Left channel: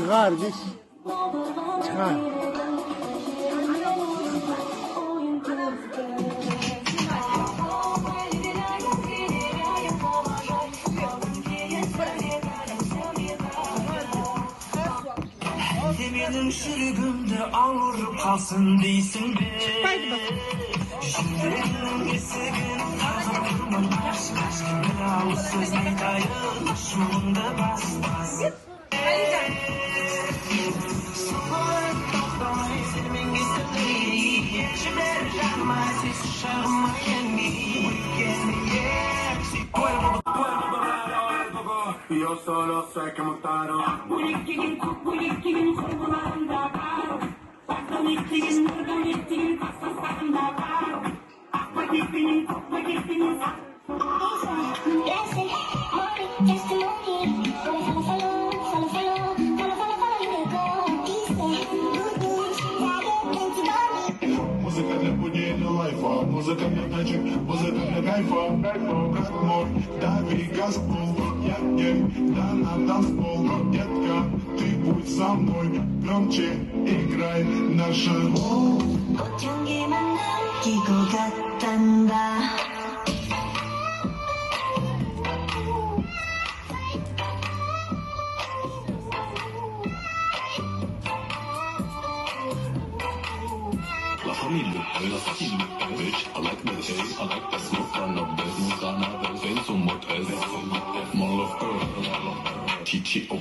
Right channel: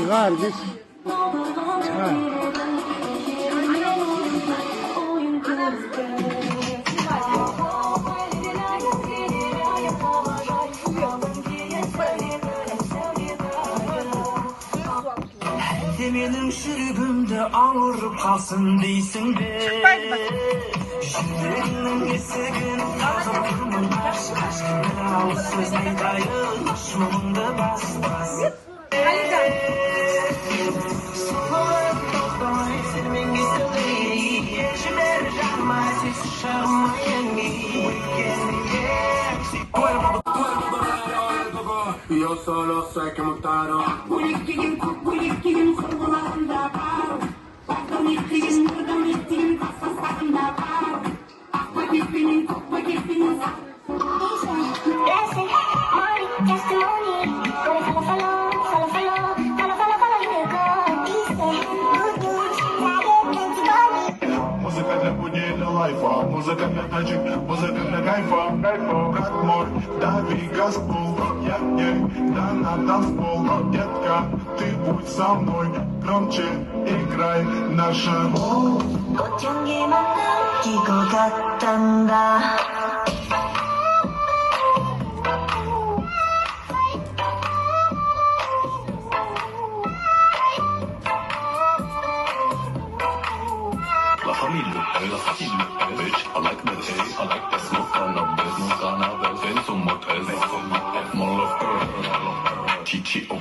Çıkar git. Çıkar. Benim şürübümde ağırıp kalsın değilsin be. Yüreğinin esegin kazıktığımın karşı karşımda o söz ne dayı şuunda bas bas. Soğuk toprağı esirmen gizli yaşımlar canıma ses şarma yengi Yo solo sé que montaron bullinkke'nin kurgularında var. Baktan ettiğin, buradan ettiğin hassaslarında var. Paketinin, paketinin Muzyka dla budziela life'a, muzyka dla taczyk, muzyka dla kajfa. Brat mój, dawaj газку, я ей, да на танцпол. Детка, ты будь со мной, громче играй наша. 꽃향기만 느끼고 갔단다. La famiglia, la famiglia, bitch, I like the taste, I like the smoke on the bed, smoke on the bed, then some more taste, more love, chichi, oh.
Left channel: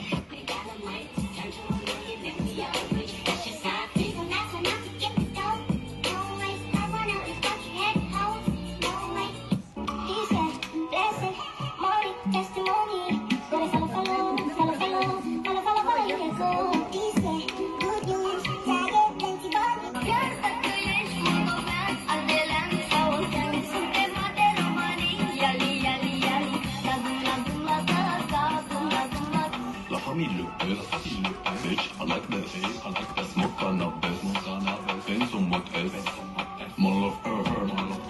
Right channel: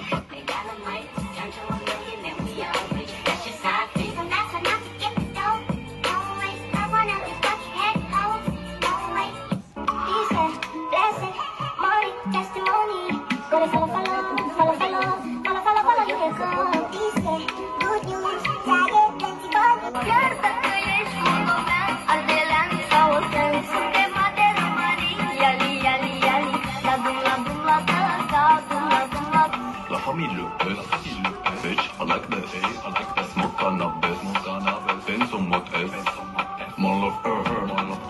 Bitch, I like the taste, I like the smoke on the bed, smoke on the bed, then some more taste, more love,